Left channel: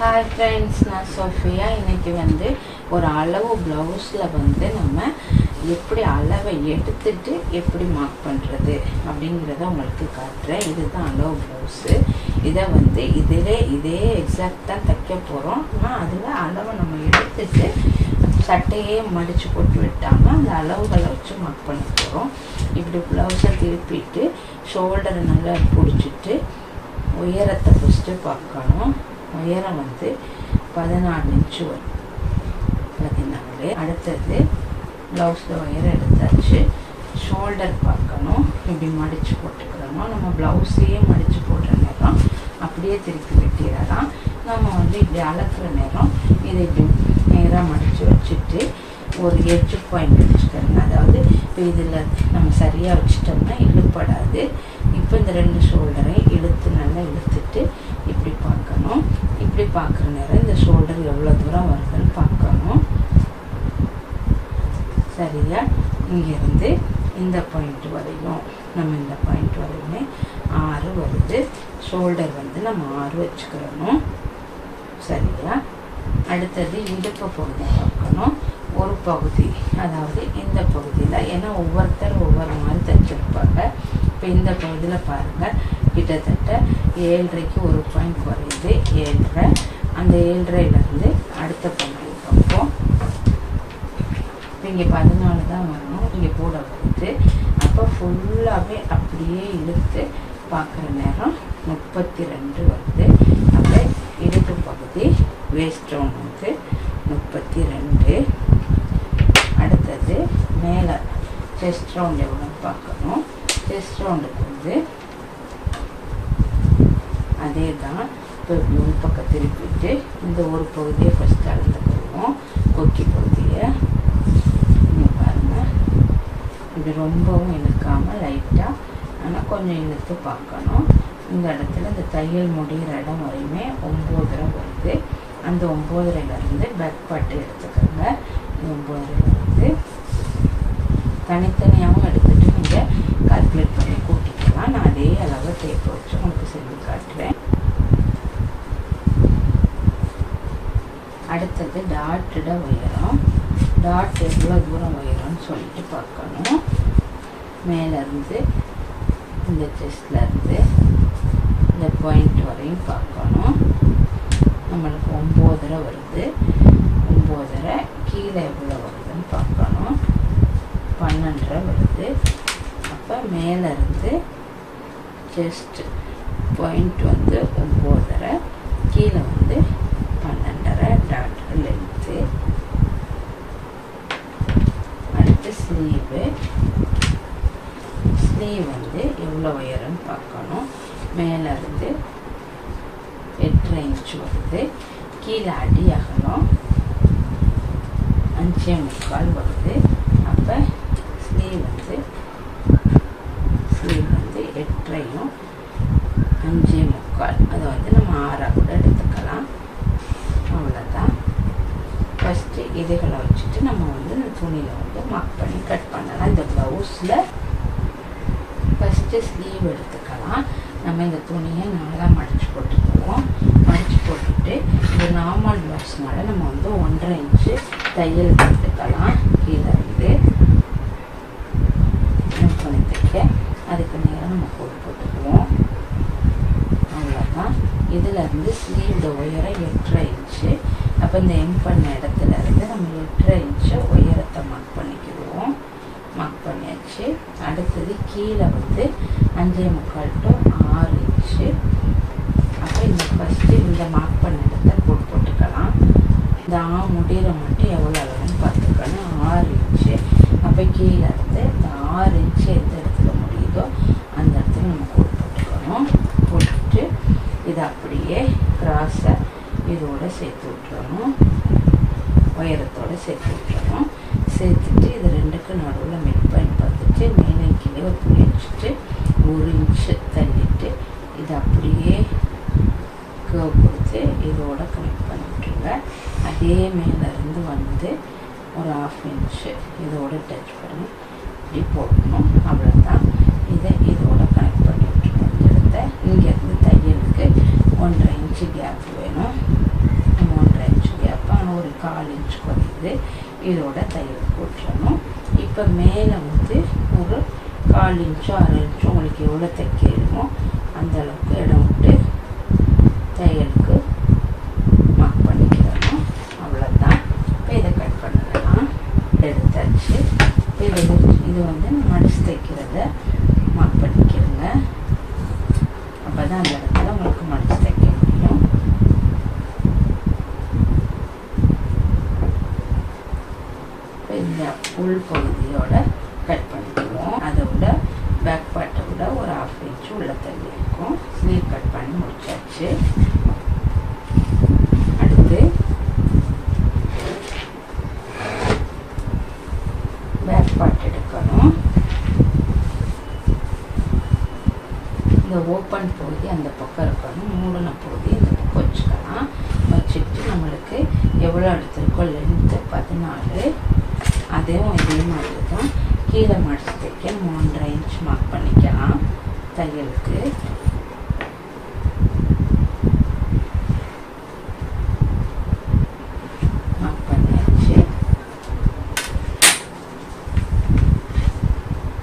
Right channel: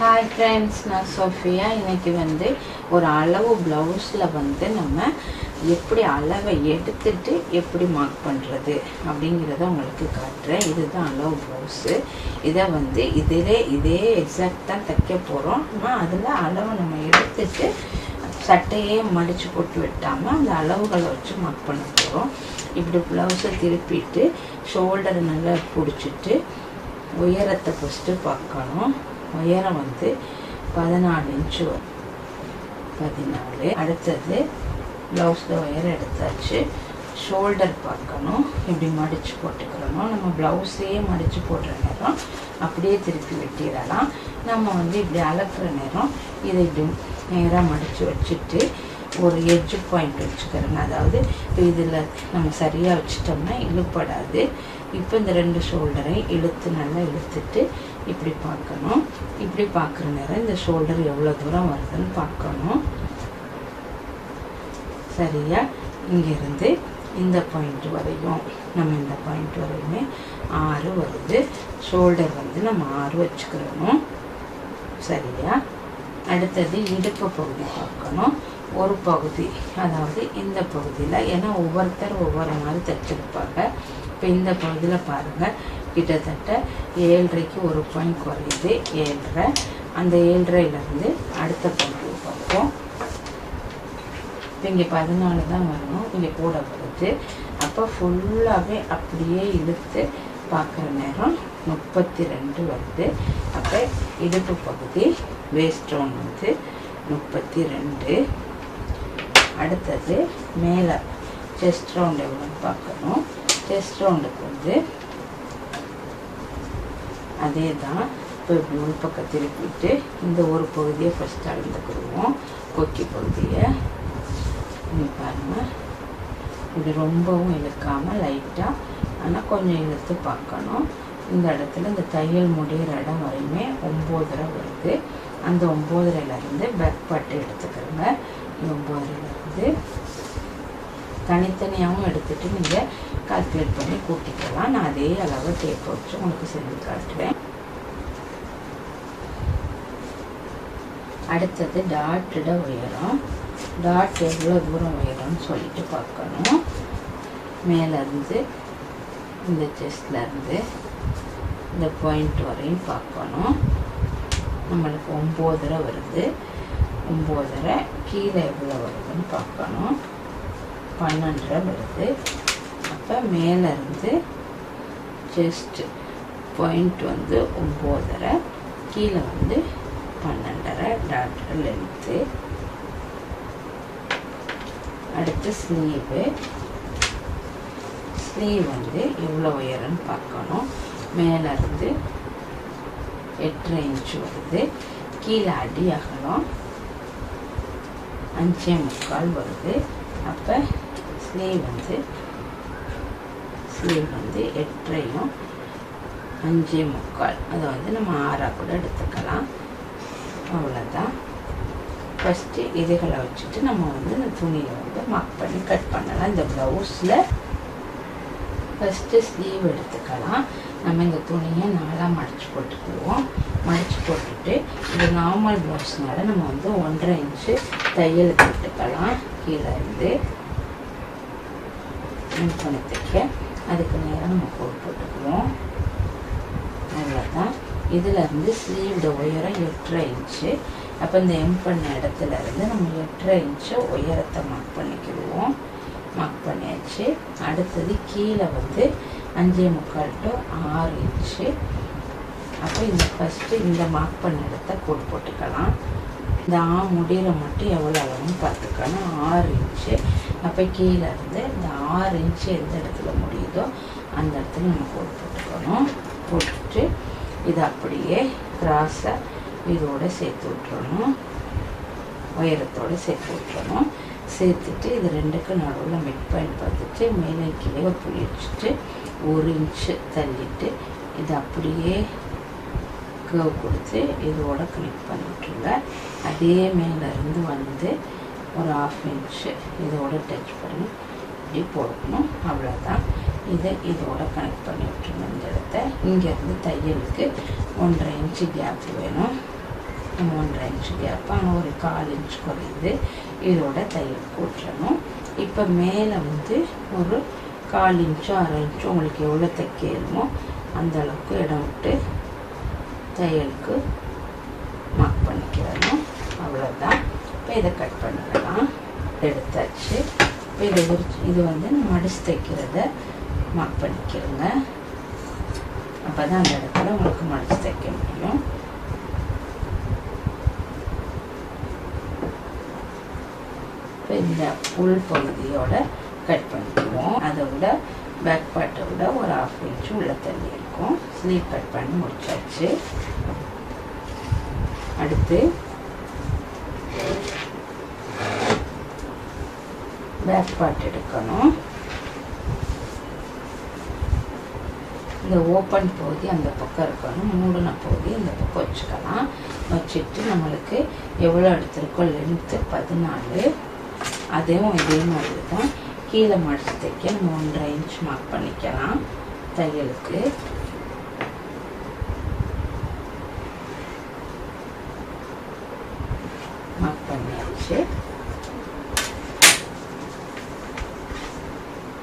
Hi friends நான் Sofia. இன்னைக்கு வந்து ஒரு அளவு ப்ளவுஸில் வந்து நம்ம எப்படி அளவை எடுத்துட்டு எப்படி மார்க் பண்ணுறது அப்படிங்கிறத உங்களுக்கு காட்டுறேன். இதுதான் அளவு ப்ளவுஸு இதை வந்து இதிலே இதே எக்ஸாக்டாக தைக்க போகிறோம் ஆனால் அதில் அளவை நம்ம எடுத்துட்டு சட்டையே மடித்து போட்டு விட்டாமல் அந்த அளவுகளை வச்சு மார்க் பண்ண போகிறோம் இப்படி ப்ளவுஸை திருப்பிட்டு ஷோல்டரை நல்லா பிடிச்சிட்டு உயரத்தை ஃபஸ்ட்டு பார்க்கணும். உயரம் வந்து பதினாலு இன்ச்சு வரும். பதினாலு அடுத்தது ப்ளவுஸில் உயரம் எடுத்தாச்சு. ஷோல்டர் பார்க்கணும். இப்படி மடித்து போட்டுக்கிறணும் நம்ம ப்ளவுஸையே மடித்து போடுற நேரம் அப்படியே திருப்பி வெட்டிடலாம். நம்ம வந்து இப்படி அளக்குற நேரம் இதை இப்படி நேராக மடித்து வச்சுட்டு ஒரு எட்ஜ் பாயிண்ட் வச்சுக்கிறோங்க. அதாவது இதில் நம்ம சரியாக வச்சுட்டோம்னா இழுப்படாது. இப்போ இந்த ரெண்டு ஷோல்டரை இழுத்து நல்லா இழுத்துட்டு இப்படி பார்க்கணும். இப்படி பார்க்குற நேரம் இந்த ஷோல்டர் எவ்வளோ தூரம் வருதுன்னு பார்க்கணும். சரியா? இங்கேருந்து இந்த பாயிண்ட் வரையும் நம்ம இந்த பாயிண்ட் வரையுமே ஆறு வருது. ஷோல்டர் வந்து நம்ம ஆறு வச்சுக்கிறணும். சரியா? அடுத்தது இடுப்பு பகுதி பார்க்கணும். ஒரு பகுதி அதாவது இந்த பகுதியில் ஏன்னா ஒவ்வொருத்தர் ஒவ்வொரு மாதிரி தைச்சிருப்பாங்க. இப்போ இந்த பகுதியில் பாருங்கள் கிட்டத்தட்ட ஏழரைக்கு ஒரு பாயிண்ட் குறையுது. ஏழரை. அந்த ஏழரைலேருந்து அடுத்த பகுதி பார்ப்போம். இங்கே பதினாலு தான் வரணும். இங்கே கூட வருது. அப்போ ஃபுல்லாகவே அப்படியே இழுத்து பார்க்குற நேரம் முப்பத்தி ரெண்டு வருது. அப்போ இடுப்பு பகுதி வேஸ்ட் வந்து முப்பத்தி ரெண்டு அடுத்தது மேலே செஸ்ட் ரவுண்ட் எவ்வளோன்னு பார்க்கணும். டேஸ்ட்டும் ரவுண்டுக்கு வந்து அதே தான் இப்போ இப்படி உள் பக்கம் திருப்பிட்டு இந்த ஒரு பகுதியை ஃபஸ்ட் அளந்துக்குவோம். கொக்கி பகுதியை. இங்கே பாருங்கள் இப்படி ரொம்பவும் இழுக்காமல் லைட்டாக ஆனால் கொஞ்சம் இழுத்து பார்க்கணும். இந்த இடத்துல இந்த தையல் முடிகிற இடம் வரையுமே ஒம்போதரை வருது. அந்த ஒம்போதரையிலேருந்து பேக் பாட்டு எடுத்துக்கோங்க. ஒம்போதரையிலேருந்து தனித்தனியாகவும் எடுத்துகிட்டு நீங்கள் கால்குலேட் பண்ணி கூட்டிக்கலாம். நான் அதே அளவை டேப் வச்சு உங்களுக்கு செஞ்சு காட்டுவேன் அடுத்தது டாட்டிட உயரம். டாட் எவ்வளோ தூரம் உயரம்னு சொல்லிட்டு பார்க்கணும். மேலேருந்து இந்த செஸ்ட்லேருந்து இந்த பாயிண்ட் வரையும் பார்க்கணும். நம்மளுக்கு ஒம்போதரை வருது. ஒம்போதரை கீழே எவ்வளோ வருதுன்னு பார்க்கணும். பன்னெண்டரை வருது. அப்போ மேலேருந்து ஜஸ்ட் பாயிண்ட் வந்து ஒம்போதரை கீழே வந்து பன்னெண்டரை டாக்டர் லென்த்து அடுத்து ஸ்லீவு ஸ்லீவ் வந்து எவ்வளோ உயரம்னு பார்க்கணும். மேலேருந்து எட்டரை இன்ச்சு வருது. கீழே அடி அகலம் அஞ்சே முக்கால் வருது. அப்போ ஸ்லீவ் வந்து ஸ்லீவ் வந்து எட்டரையும் அஞ்சு முக்கால். அதை வந்து நம்ம ஆறாக கூட எடுத்துக்கலாம். அவ்வளோதான் ஃபஸ்ட்டு இதுகளை வச்சுட்டு நம்ம வந்து இந்த துணியை வந்து மார்க் பண்ணி கட் பண்ணலாம். இந்த ப்ளவுஸில் ஃபஸ்ட்டு ஸ்லீவ் எடுத்துக்கலாம். நம்ம இந்த துணியை நாளாக மடித்து போட்டுக்குவோம். மடித்து போட்டுட்டு இது நார்மல் ப்ளவுஸ்னால நம்ம வந்து ஒன்றரை இன்ச்சு தையல் போட்டுக்கலாம் கீழே இருந்து வச்சுட்டு அதுக்கு நேரம் நம்ம போட்டு போட்டுக்குவோம். அவ்வளோதான் இதில் இருந்து ஸ்லீவோட உயரம் எட்டரை இன்ச்சு அப்போ இந்த எம் பண்ண இடத்துல இருந்து நம்ம எட்டரை இன்ச்சை உயரத்தை மார்க் பண்ணிக்கிடுவோம். மார்க் பண்ணியாச்சு. அடுத்தது கீழே வந்து அஞ்சே முக்கால் டு ஆறு இன்ச்சு அப்போ இந்த ஃபஸ்ட்டு இந்த மார்க் பண்ண இடத்த போட்டு போட்டுக்கலாம். இந்த ஆ முடியிற மட்டும் எவ்வளோ அளவுன்னு பார்த்துக்கணும். ஆறு இன்ச்சு அப்போ கீழே இருந்து இந்த ஆறு இன்ச்சு எந்த இடத்துல முடியுதோ அந்த இடத்துல நம்ம கோட் போட்டுக்கணும். போட்டுட்டு இதை அப்படியே கிராஸை இதோடு சேர்த்து விட்டுறணும். உயரத்தோடு சேர்த்து விட்டுறணும். சேர்த்துட்டு இது ரெண்டுக்கு நடுவில் மிட் பாயிண்ட் பார்த்துட்டு மேலே கீழே ஒரு புள்ளி வச்சுட்டு ஒரு இன்ச்சு தள்ளிட்டு இது அப்படியே கேவ் கொடுத்து இதோட கனெக்ட் பண்ணிவிட்டுருங்க அதே மேலேருந்து வந்து ஒரு ஆஃப் இன்ச்சு இதோட டச் பண்ணி இப்படி போடணும் அவ்வளோதான் இதை இதோட கனெக்ட் பண்ணி விட்டுருங்க இந்த இடத்த. இங்கேருந்து தையலுக்கு ஒன்றரை இன்ச்சு கேப் வேணும். மூன்றரை இன்ச்சு கேப்பை ஒரு கால் இன்ச் குறையுது. இதோட தையல் கூட்டணும் இப்போ மேலே வந்து ஒரு கால் இன்ச்சோ அரை இன்ச்சோ உங்களுக்கு எவ்வளோ தைக்கணுமோ அந்த அளவுக்கு இடம் விட்டு தையலுக்கு மார்க் பண்ணிக்கிறணும். அவ்வளோதான் இப்போ இதை கட் பண்ணிடலாம் எடுத்தாச்சு. இது இது வந்து மடிச்சு தைக்கிறத மார்க் பண்ணிக்கிறோங்க. அப்போ தான் அந்த இடத்துல உங்களுக்கு மடிச்சு தைக்க முடியும். இப்போ இந்த உள் பகுதியோட கட் பண்ணிக்குவோம். அதை விட பேக் பார்ட்டை விட ஒரு ஹாஃப் இன்ச்சு உள்ள தள்ளி இருக்கும். ஸ்லீவ் கட் பண்ணி முடிச்சாச்சு. அடுத்து பேக் பார்ட் எடுக்கணும் இந்த ஓப்பன் பகுதி அந்த பக்கம் இருக்கணும். மூடின பகுதி இந்த பக்கம் வச்சுக்கலாம். வச்சுட்டு நம்மளுக்கு எவ்வளோ எடுத்திருக்கோ லென்த்து பதினாலு. அதையும் இதே மாதிரி தான் கீழே மடிச்சு தைக்க நம்ம ஒன்றரை இன்ச் மார்க் பண்ணிக்கலாம். தையலுக்கு மார்க் பண்ணியாச்சு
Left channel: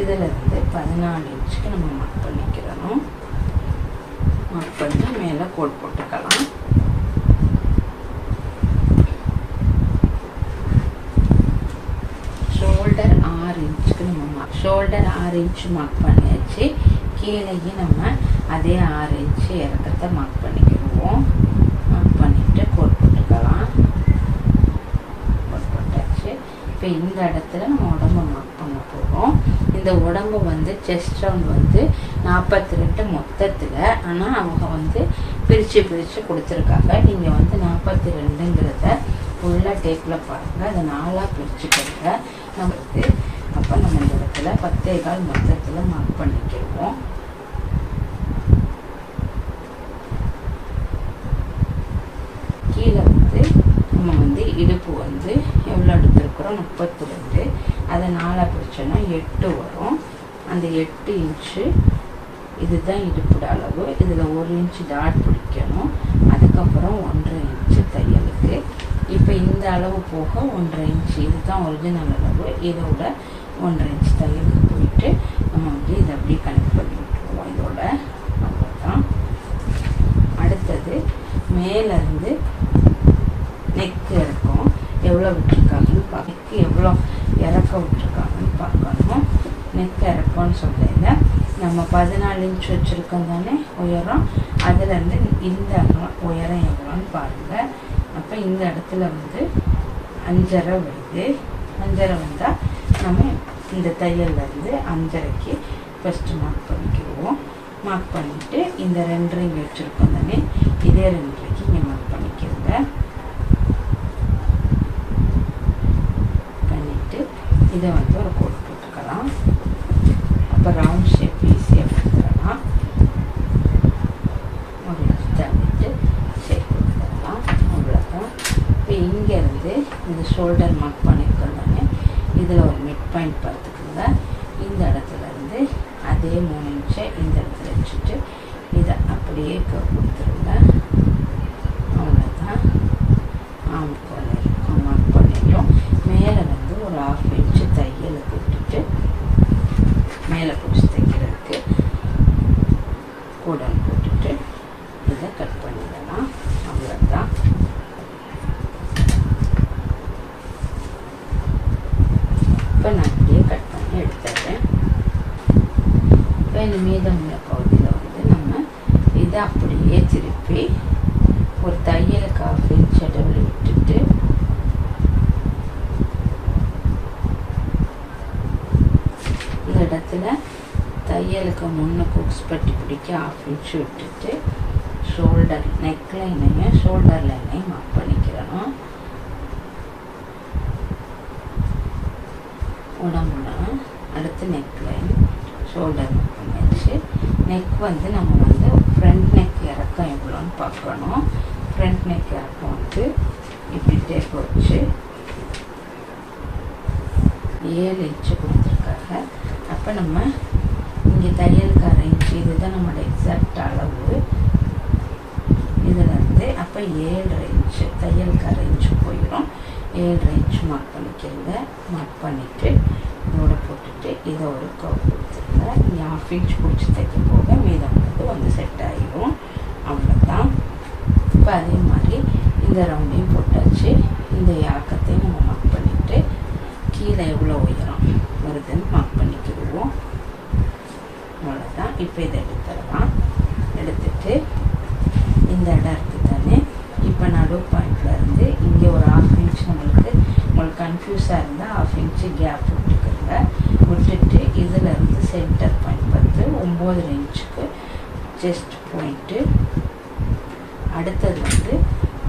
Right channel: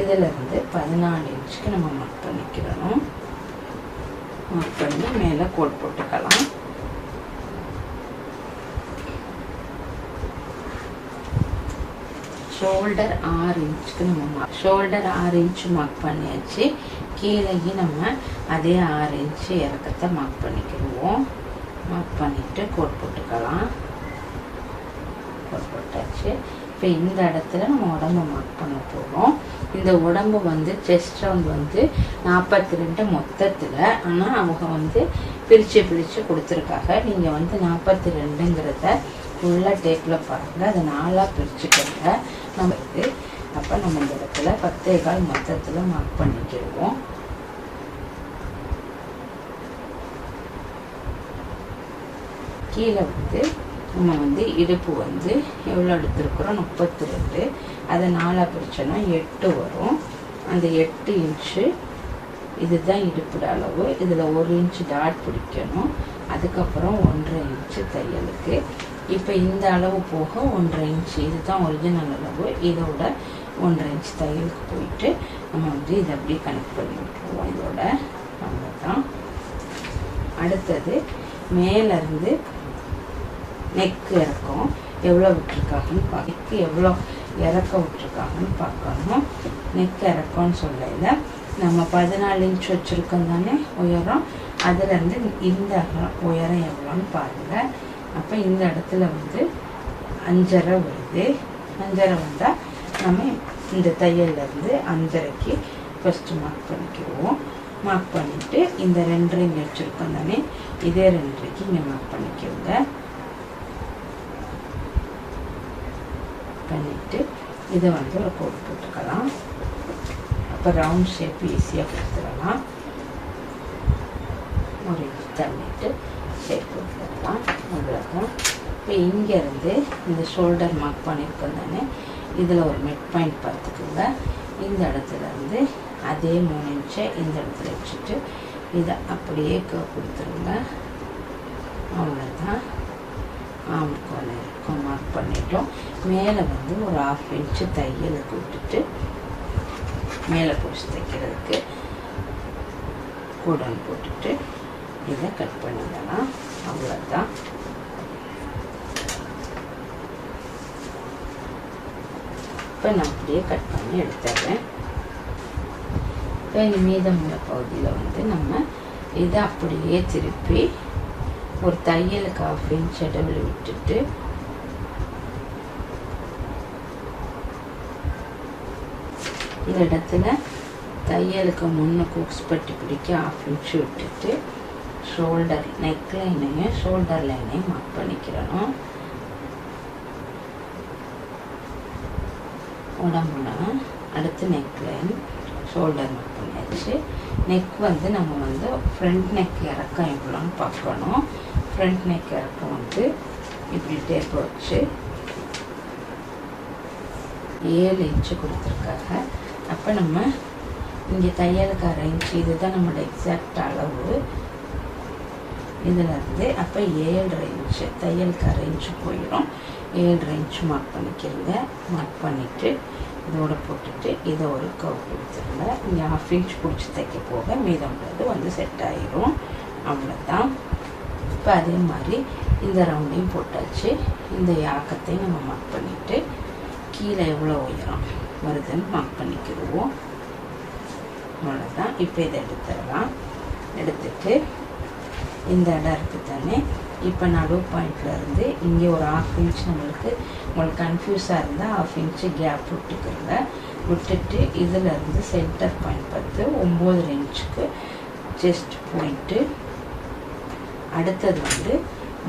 இதில் இருந்து பதினாலு இன்ச்சுக்கு நம்ம மார்க் பண்ணிக்கிறணும் மார்க் பண்ணி மேலே கோட் போட்டுக்கலாம். ஷோல்டர் ஆறு இன்ச்சுக்கு நம்ம ஷோல்டர் ஆறு இன்ச்சு மார்க் பண்ணியாச்சு. கீழேயும் நம்ம அதே ஆறு இன்ச்சு இறக்கத்தை மார்க் பண்ணிக்கிடுவோம். மார்க் பண்ணிவிட்டு கோட் போட்டுக்கலாம். கோட் போட்டாச்சு. இப்போ இந்த இடத்துல நம்ம உடம்பு மார்க் இந்த உடம்பு வந்து செஸ்ட் ரவுண்ட் வந்து நாற்பத்தி ரெண்டு மொத்தத்தில். ஆனால் அவங்க வந்து பிரித்து பிரித்து கொடுத்துருக்காங்க. நீங்கள் வந்து நாற்பத்தி ரெண்டுங்கிறத ஃபுல்லாக டேப்பில் பாருங்கள் அதை நாலாக பிரிச்சுக்கோங்க. நம்ம இது அப்போ நம்ம இந்த இடத்துல பத்தே கால் மொத்தத்தில் மார்க் பண்ணிக்கிடுவோம். கீழே வந்து நம்ம வந்து இடுப்பு வந்து எவ்வளோ எடுத்துருக்குறோம்? முப்பத்தி ரெண்டு அதை நாலாக பிரிச்சோன்னா எட்டு வரும். அந்த எட்டு இன்ச்சு இதுதான் இடுப்புட அளவு. இதில் ஒரு இன்ச்சு டாட் பிடிக்கணும். அதுக்கப்புறம் ஒன்றரை இன்ச்சு தையலுக்கு. இப்போ இந்த அளவு போக ஒன்றரை இன்ச்சு. இதுதான் ஒரிஜினல் அளவு. இதோட ஒன்றரை இன்ச் தையலுக்கு போயிட்டு நம்ம வந்து இதை அப்படியே கனெக்ட் பண்ணி விட்டுருவோம். இதோட அவ்வளோதான் அடுத்தது மேலேருந்து நெக்கு இறக்கம். எவ்வளோ விட்டுருக்காங்கன்னு பார்க்க நெக்கு எவ்வளோ இறக்க விட்டுருக்காங்கன்னு பார்க்கணும். நெக் இறக்கம்னு சொல்லையில் நம்ம பதினாலு இன்ச் வச்சுருக்கோம் தானே உயரம். அதுலேருந்து இந்த உயரம் எவ்வளோன்னு பாருங்கள் அப்போ இந்த இடத்துல வந்து அஞ்சரை வருது. அஞ்சரை வந்தால் நம்ம இந்த தையல்லேருந்து அஞ்சரைக்கு ஃபஸ்ட்டு மார்க் பண்ணிக்கிடுவோம் மார்க் பண்ணிவிட்டு இந்த ரெண்டரை வச்சுருக்கோம் தானே இதே ரெண்டரைக்கு இங்கே மார்க் பண்ணிக்கிறோங்க பண்ணிவிட்டு இதை வந்து ஒரு கோட் போட்டுக்கலாம். அப்போ ரவுண்ட் ஷேப் ஈஸியாக கொடுத்துடலாம். ஒரு இன்ச் தள்ளிட்டு ஷேப் கொடுத்துடலாம். அவ்வளோதான் இப்போ இங்கேருந்து இந்த ஷோல்டர் மார்க் பண்ணியிருக்கோம் தானே? இதில் ஒரு மிட் பாயிண்ட் பார்த்துக்கோங்க. இந்த இடத்துல இருந்து அதே மூணு இன்ச்சை இந்த இடத்துல வச்சுட்டு இதை அப்படியே கொடுத்துருங்க. அவ்வளோதான் ஆம்கோல் இருக்கும் மார்க் பண்ணிட்டோம். மேலே வந்து ஒரு ஆஃப் கீழே போட்டுட்டு மேலே பிடிச்சி தைக்கிறதுக்கு கூடல் போட்டுட்டு இதை கட் பண்ணிடலாம். அவ்வளோதான் இப்போ நான் அப்படியே கட் பண்ணி எடுத்துடுறேன். இப்போ இந்த மீதமுள்ள பகுதியில் வந்து நம்ம இதை அப்படியே திருப்பி ஒரு தையலுக்கு ஆஃப் இன்ச் விட்டுட்டு இந்த இடத்துல தையலுக்கு முன்ன குக்ஸ் பட்டி பிடிக்க ஆஃப் இன்ச் விட்டுட்டு ஷோல்டர் நெக் லைனையும் ஷோல்டர் லைனையும் மார்க் பண்ணிக்கிறணும். உடம்புல அடுத்து நெக் லைன் ஷோல்டர் மார்க் பண்ணியாச்சு. நெக் வந்து நம்ம வந்து ஃப்ரண்ட் நெக் இறக்கம் எவ்வளோன்னு பார்க்கணும். ஃப்ரண்ட் நெக் இறக்கம் வந்து இப்படி டேப் வச்சு ஏழு இன்ச்சு கொடுத்துருக்காங்க. அப்போ நம்ம இங்கே தையலுக்கு அரை இன்ச்சு இதுதான் நம்மளோட எக்ஸாக்ட் அளவு. இதில் இருந்து அப்போ ஏழரை இன்ச்சு தையலுக்கு அரை இன்ச்சு போயிடும் ஏழு இன்ச் மார்க் பண்ணிக்கிறங்க மார்க் பண்ணிவிட்டு இதோட போட்டுட்டு இதை ஒரு கவு கொடுத்துருங்க. இங்கே ஹாஃப் இன்ச் பிடிச்சி தைக்க போக மீதம்ன்றது வந்து செட் ஆகிடும் அவ்வளோதான் இப்போ அதே மாதிரி இந்த ரவுண்டையும் போட்டாச்சு. இந்த யாக்கத்தையும் நம்ம மார்க் பண்ணிவிட்டு கீழே எவ்வளோ உயரம்? வருதுன்னு மார்க் பண்ணிக்கிடுவோம். அவ்வளோதான் இப்போ இதை எடுத்துடலாம். எடுத்துட்டு இந்த இடம் இருக்குது தானே? இப்போ நடு பாயிண்டில் இருந்து இங்கே ஒரு ஹாஃப் இன்ச் நம்மளுக்கு உங்களுக்கு கன்ஃபியூஸாக இருந்தால் ஹாஃப் இன்ச்சு கேப் விட்டுக்கோங்க. விட்டுட்டு இதிலருந்து சென்டர் பாயிண்ட் பார்த்து ஒம்பது இன்ச்சுக்கு செஸ்ட் பாயிண்ட்டு அடுத்தது வந்து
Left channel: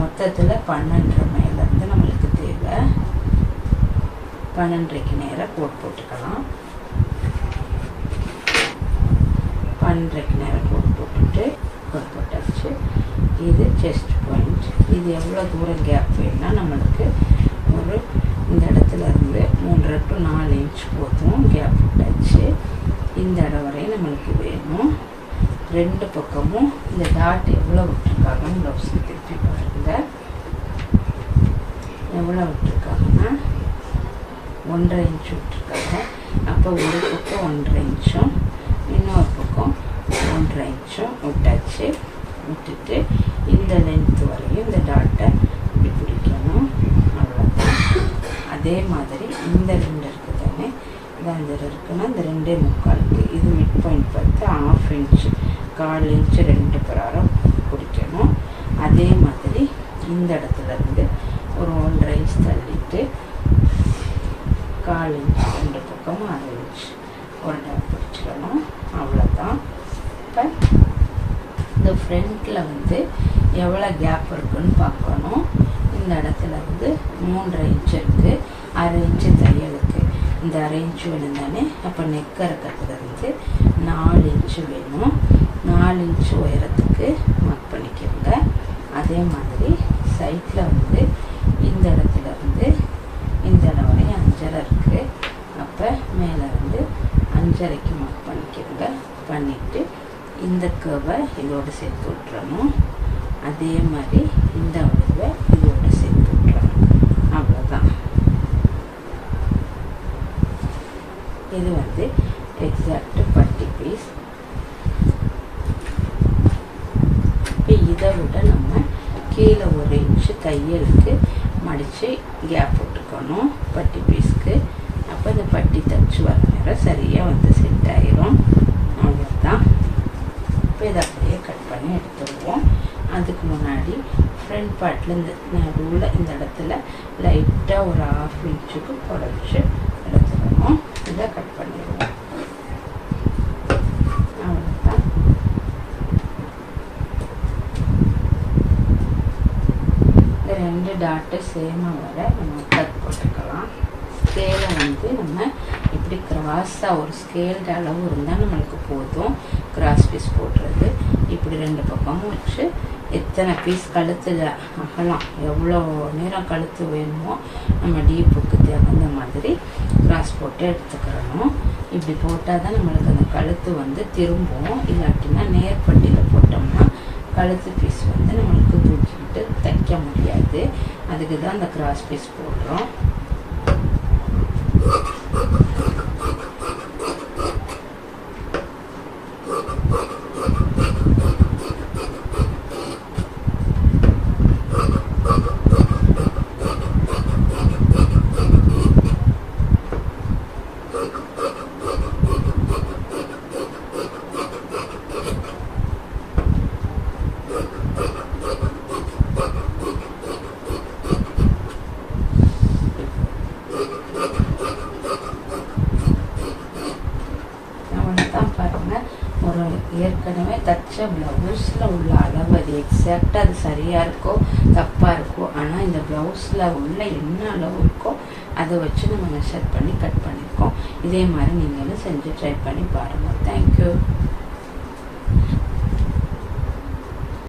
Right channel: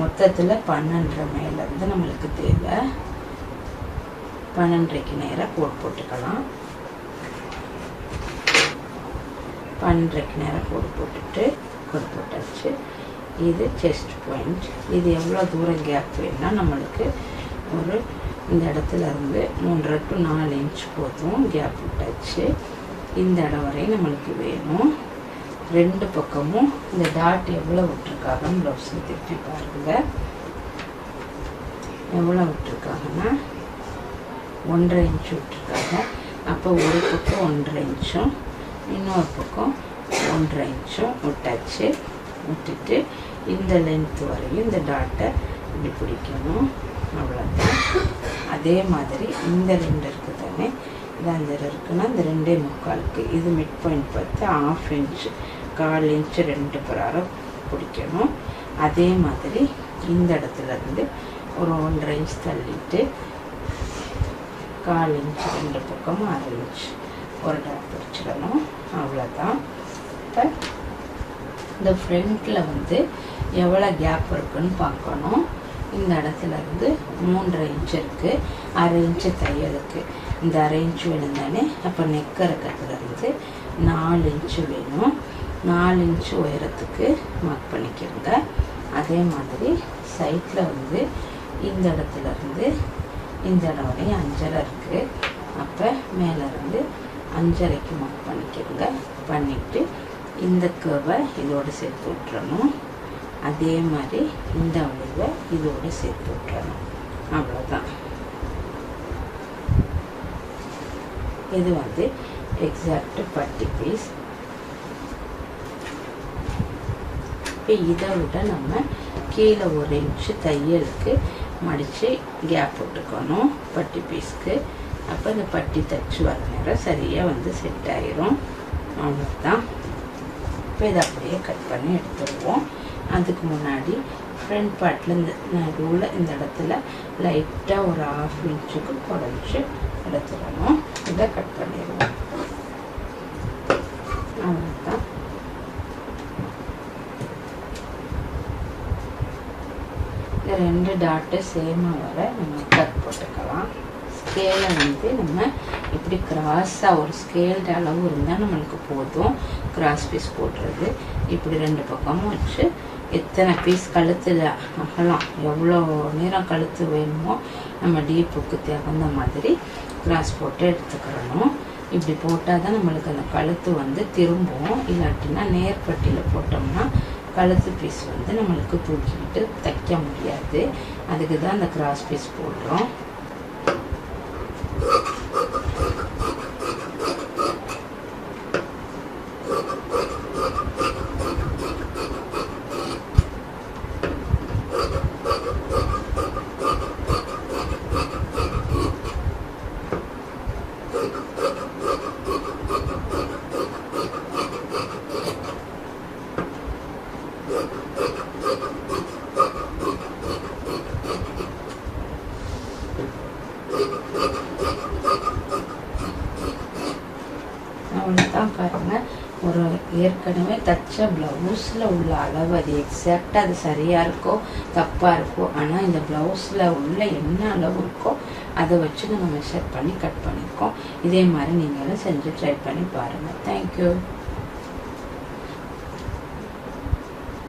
மொத்தத்தில் பன்னெண்டரை மேலேருந்து நம்மளுக்கு தேவை. பன்னெண்டரைக்கு நேராக கோட் போட்டுக்கலாம். பன்னெண்டரைக்கு நேரம் கோட் போட்டுட்டு கோட் போட்டாச்சு. இது செஸ்ட் பாயிண்ட் இது எவ்வளோ தூரம் கேப் வேணும்னா நம்மளுக்கு ஒரு இந்த இடத்துல இருந்து மூன்றரை டு நாலு இன்ச் போதும் கேப் விட்டாச்சு. இந்த இடம் வரையும் நம்மளுக்கு வேணும். ரெண்டு பக்கமும் இந்த டாட் எவ்வளோ விட்டுருக்காங்கன்னு ப்ளவுஸ் திருப்பி பாருங்கள் எவ்வளோ விட்டுருக்காங்கன்னா ஒன்றரை இன்ச் விட்டுருக்காங்க. அப்போ ஒரு பக்கம் ஒன்றரை இன்ச்சும் இன்னொரு பக்கம் ஒன்றரை இன்ச்சும் விட்டாச்சு. விட்டுட்டு இந்த லென்த் வரையும் இந்த டாட்டை இப்படி பிடிக்கணும். அவ்வளோதான் அதே மாதிரி இந்த ரெண்டு இருக்குது தானே இது அந்த இருக்குன்னா இந்த ரெண்டே முக்காலுக்கு இது மிட் பாயிண்ட் பார்த்து ஆஃப் இன்ச்சு கால் இன்ச்சு ரெண்டு பிராரம் பிடிக்கணும். அதே மாதிரி இந்த இடத்துல இருந்து ஒரு ஒன்றரை இன்ச் தள்ளிட்டு கால் இன்ச் ரெண்டு பக்கமும் அரை இன்ச்சு. ஒரு டாட் பிடிச்சிக்கணும் அவ்வளோதான் இப்போ இந்த ஃப்ரண்ட்டில் வந்து எவ்வளோ கேப் இருக்குன்னு பார்க்கணும். இந்த இடத்துல வந்து மூன்றரை இன்ச் இருக்குது அரை இன்ச்சு தையலுக்கு இந்த அரை இன்ச்சு வேணும் அப்போ நெக்க இருக்கிறதுலேருந்து நாலு இன்ச்சு வேணும். நாலு இன்ச்சு உயரத்துக்கு மார்க் பண்ணிக்கிறங்க அதே மாதிரி சைட்டில் வந்து இந்த இடத்துல இருந்து இந்த இடம் அஞ்சரை இருக்குது அப்போ மேலேருந்து அஞ்சரைக்கு மார்க் பண்ணிக்கிறங்க பண்ணிவிட்டு இந்த கர்வை இதோடு சேர்த்து விட்டுறணும். அதே மாதிரி இந்த வளைவை இதோடு சேர்த்து விட்டுறணும். அவ்வளோதான் இது வந்து எக்ஸாக்ட் பட்டி பீஸ் இப்போ இதை விட நம்ம கீழே ஒரு இன்ச்சு தையலுக்கு மடித்து கேப் விட்டுக்கணும் பட்டி பீஸ்க்கு அப்போ இந்த பட்டி தச்சு வர நேரம் சரியாக வந்து செட் ஆகிரும் அவ்வளோதான் இப்போ இதை அப்படியே கட் பண்ணி எடுத்துருவோம். அதுக்கு முன்னாடி ஃப்ரண்ட் பார்ட்டில் இந்த நடுவில் இந்த இடத்துல லைட்டாக ஒரு ஆஃப் இன்ச்சுக்கு குறைச்சி எடுத்துடணும். இதை கட் பண்ணிடுவோம் அவ்வளோதான் இந்த ரெண்டு டாட்டு சேமாக வர நம்ம கட் போட்டுக்கலாம். ஸ்கேலை வந்து நம்ம இப்படி கிராஸாக ஒரு ஸ்கேல்டு அளவு இருந்தால் நம்மளுக்கு போதும். கிராஸ் பீஸ் போடுறது. இப்படி ரெண்டு பக்கமும் வச்சு எத்தனை பீஸ் கழுத்தில் அகலாம் எவ்வளோ நேரம் கழுத்து வேணுமோ நம்ம டீப்புக்கு தகுந்த மாதிரி கிராஸ் போட்டு எடுத்துக்கிறணும் இப்படி போட்டால் தான் நம்மளுக்கு அந்த கழுத்து வந்து திரும்பும். இல்லாட்டினா நேர்பட்டியில் போட்டோம்னா கழுத்து பீஸ் வந்து நம்மளுக்கு தூக்கிக்கிட்டு தைக்க முடியாது. அதுக்கு தான் அந்த கிராஸ் பீஸ் போடுறோம். ஏற்கனவே தச்ச ப்ளவுஸில் உள்ள அளவு அது எக்ஸாக்டாக அது சரியாக இருக்கோ தப்பாக இருக்கோ ஆனால் இந்த ப்ளவுஸில் உள்ள என்ன அளவு இருக்கோ அதை வச்சு நம்ம மெஷர் பண்ணி கட் பண்ணியிருக்கோம் இதே மாதிரி நீங்களும் செஞ்சு ட்ரை பண்ணி பாருங்கள் தேங்க்யூ